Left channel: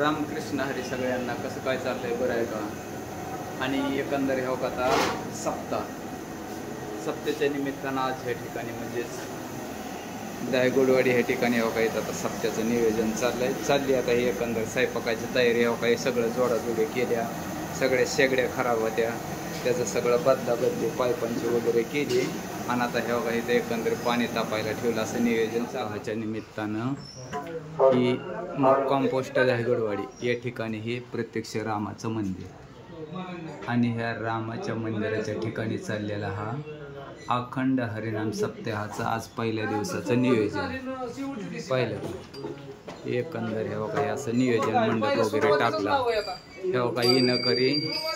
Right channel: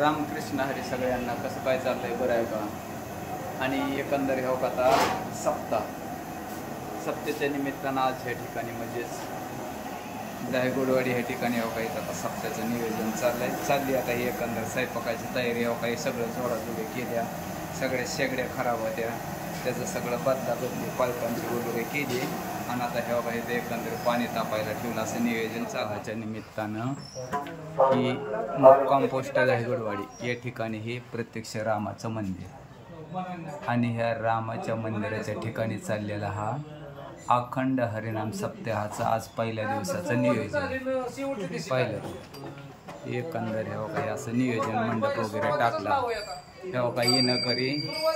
रामकृष्ण हरी सगळ्यांना. कसं काय चाललंय, बरं आहे का? आणि एकंदर ह्या आता सप्त्याच्या निमित्तानं आज ह्या ठिकाणी म्हणजेच दायगोडवाडी ह्या ठिकाणी हो काही आता सप्त्याचं नियोजन चालली आता ही एकंदर स्वयंपाकाची तयारी हो काही सगळं जोडाजोडी केल्या, सगळ्या शेगड्या खराब होत्या, त्याचं सगळं बदली पाईपांची वगैरे केली आणि आता हे बघा इथं एकंदर पाणी तापायला ठेवलं असं नियोजन ह्याच्या निमित्तानं ही मुक्काम पोस्ट दायगोडवाडी या ठिकाणी हे प्रत्यक्ष रामाचं मंदिर आणि ह्या रामाच्या मंदिराच्या ठिकाणी चाललेला हा अखंड हरिनाम सप्ताहाचं आज पहिल्या दिवसाचं नियोजन पाहिलं एकंदर हे बघा असं नियोजन मंडप वगैरे टाकला. हे बघा येणं करी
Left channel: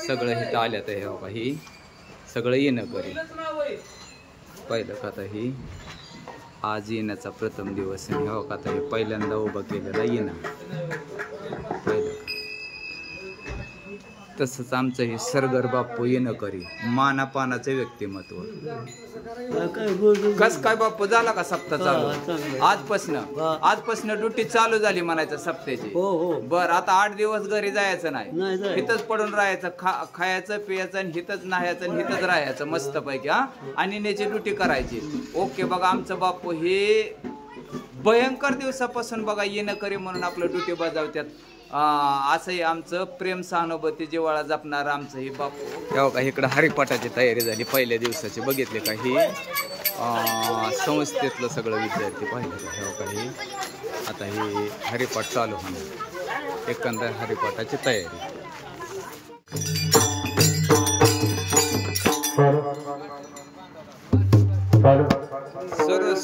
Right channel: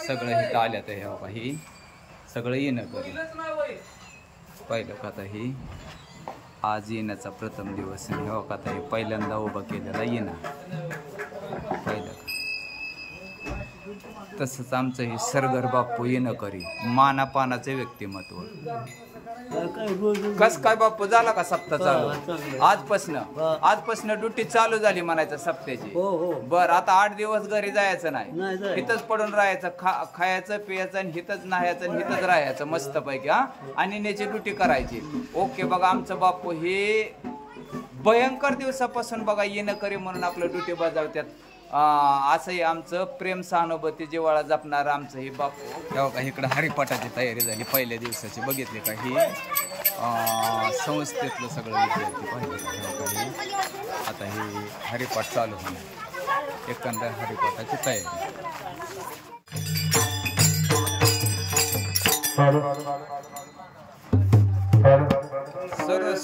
सगळं इथं आल्या तर हे बघा ही सगळं येणं करी पाहिलं का. आता ही आज येण्याचा प्रथम दिवस आणि हे बघा आता हे पहिल्यांदा उभं केलेला येणं पाहिलं का. तसंच आमचं हे सरगर बाप्पू येणं करी मानापानाचं व्यक्तिमत्व. कस काय बाप्पू झाला का सप्ताह चालू? आजपासनं ड्युटी चालू झाली म्हणायचं सप्त्याची. बर आता 8 दिवस घरी जायचं नाही, इथंच पडून राहायचं, खायचं पियाचं आणि हिथंच नाहायचं आणि हिथंच राहायचं मस्त पैकी. आणि नेची ड्युटी करायची. ओके बघा आमचं बाप्पू हे भयंकर दिवसापासून बघा येणं करी म्हणून आपलं ड्युटी बजावतात. असंही आमचं प्रेम सहानुभूती जिव्हाळा जपणार आमचं हे बापू. तेव्हा का इकडं हरिपाठाची तयारी झाली पहिल्या दिवसाची. बघितले का ही संस्थेतलं सगळं विद्यार्थी पाहिलं का. तेव्हा काही आता ही हरिपाठ चालू होणार, एकंदर हरिपाठाची तयारी. सुरू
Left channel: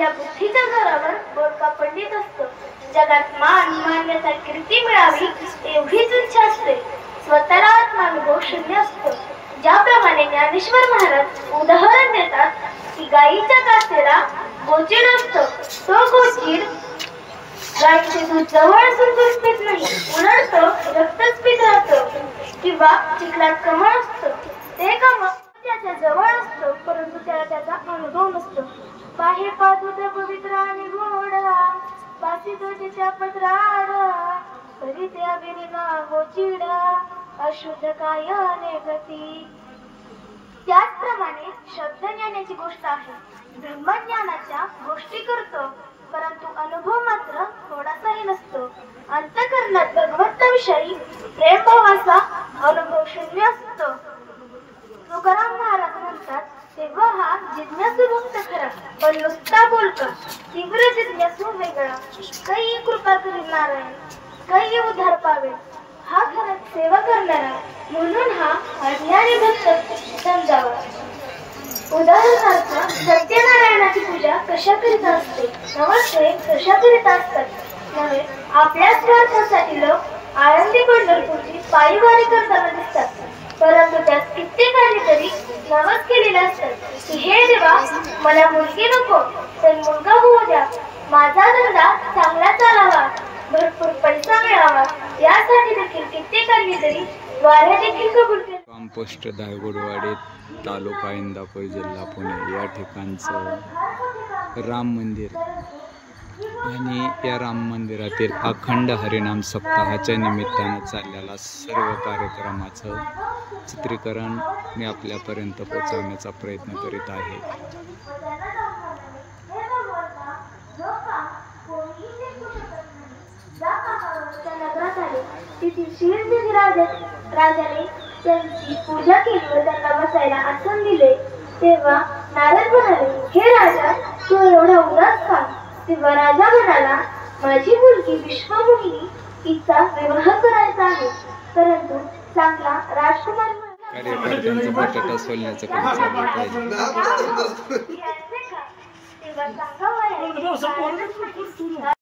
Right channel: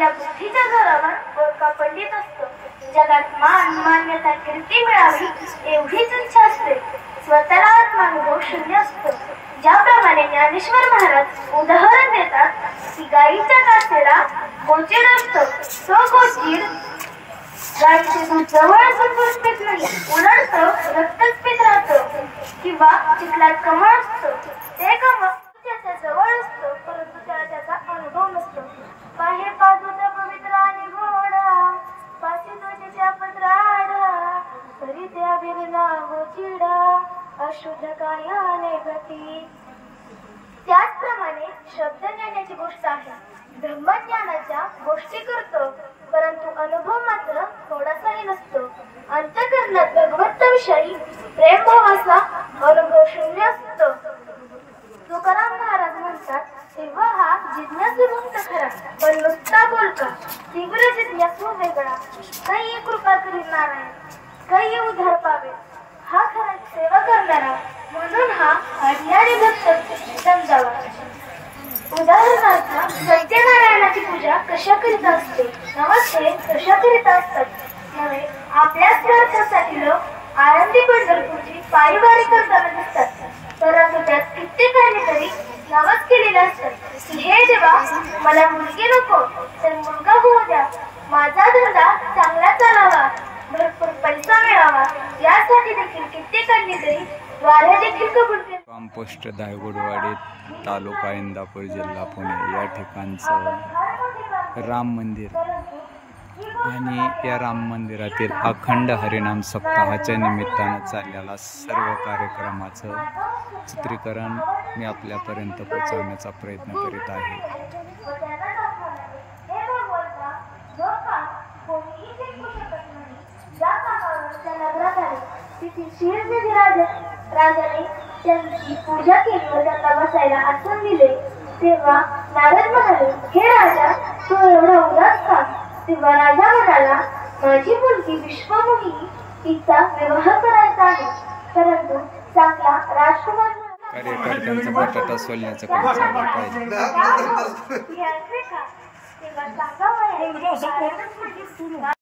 आपल्या बुद्धीच्या जोरावर बोलका पंडित असतो. जगात मान मान्यता कीर्ती मिळावी एवढीच इच्छा असते. स्वतःला आत्मानुभव शून्य असतो. ज्याप्रमाणे ज्ञानेश्वर महाराज उदाहरण देतात की गाईच्या कासेला गोचीड असतो. तो गोचीड गाईचे दूध जवळ असून दूध पित नाही, उलट रक्तच पित राहतो. किंवा चिखलात कमळ असतो. ते कमळ त्याच्या जवळ असतो, परंतु त्याला त्याचा अनुभव नसतो. काही पादुत पवित्र आणि गोडा पासी तुझ्या पत्राडा तरी ते अभिना हो चिडा अशुद्ध कायाने गती. त्याचप्रमाणे शब्द ज्ञानाची गोष्ट आहे. ब्रह्मज्ञानाच्या गोष्टी करतो, परंतु अनुभव मात्र थोडासाही नसतो. अंतःकरणात भगवंताविषयी प्रेमभावाचा अनुभव शून्य असतो. तुकाराम महाराज म्हणतात, तेव्हा हा जिज्ञासू भक्त खरा, पण नुसता बोलका. तीव्र जिज्ञासू वेगळा. काही कृपा करील नारायण, काही उद्धार पावेल. हा खरा सेवा करणारा, म्हणून हा अज्ञानी भक्त समजावा. उदाहरणार्थ सत्यनारायणाची पूजा कशा करीत असते, नमस्ते कशा करीत असतात नव्हे. आपल्याच स्वार्थासाठी लोक आळंदी पंढरपूरची पायीवारी करताना दिसतात, परंतु त्यात कित्येकांनी तरी नवस केलेले असतात की हे देवा, मला मुलगी नको तर मुलगा होऊ द्या, माझा धंदा चांगला चालावा, भरपूर पैसा मिळावा, यासाठी देखील कित्येकांनी तरी वाऱ्या देखील कबूल केले. कंपोस्ट दायगुडवाडी, तालुका इंदापूर, जिल्हा पुणे या ठिकाणचं राम मंदिर आणि या राम मंदिरातील अखंड हरिनाम सप्ताहाच्या निमित्तानं चाललेला सर्व कार्यक्रमाचं चित्रीकरण मी आपल्यापर्यंत पोहोचवण्याचा प्रयत्न करीत आहे. राजाने त्यांची पूजा केली व त्यांना बसायला आसन दिले. तेव्हा नारद म्हणाले, हे राजा, तू एवढा उदास का? तेव्हा राजा म्हणाला, माझी मुलगी विश्वमोहिनी तिचा विवाह करायचा आहे, परंतु चांगला राजकुमार कार्यकर्त्यांचं बटाटा सोलण्याचं काम चालू पाहिजे. तेव्हा सांगा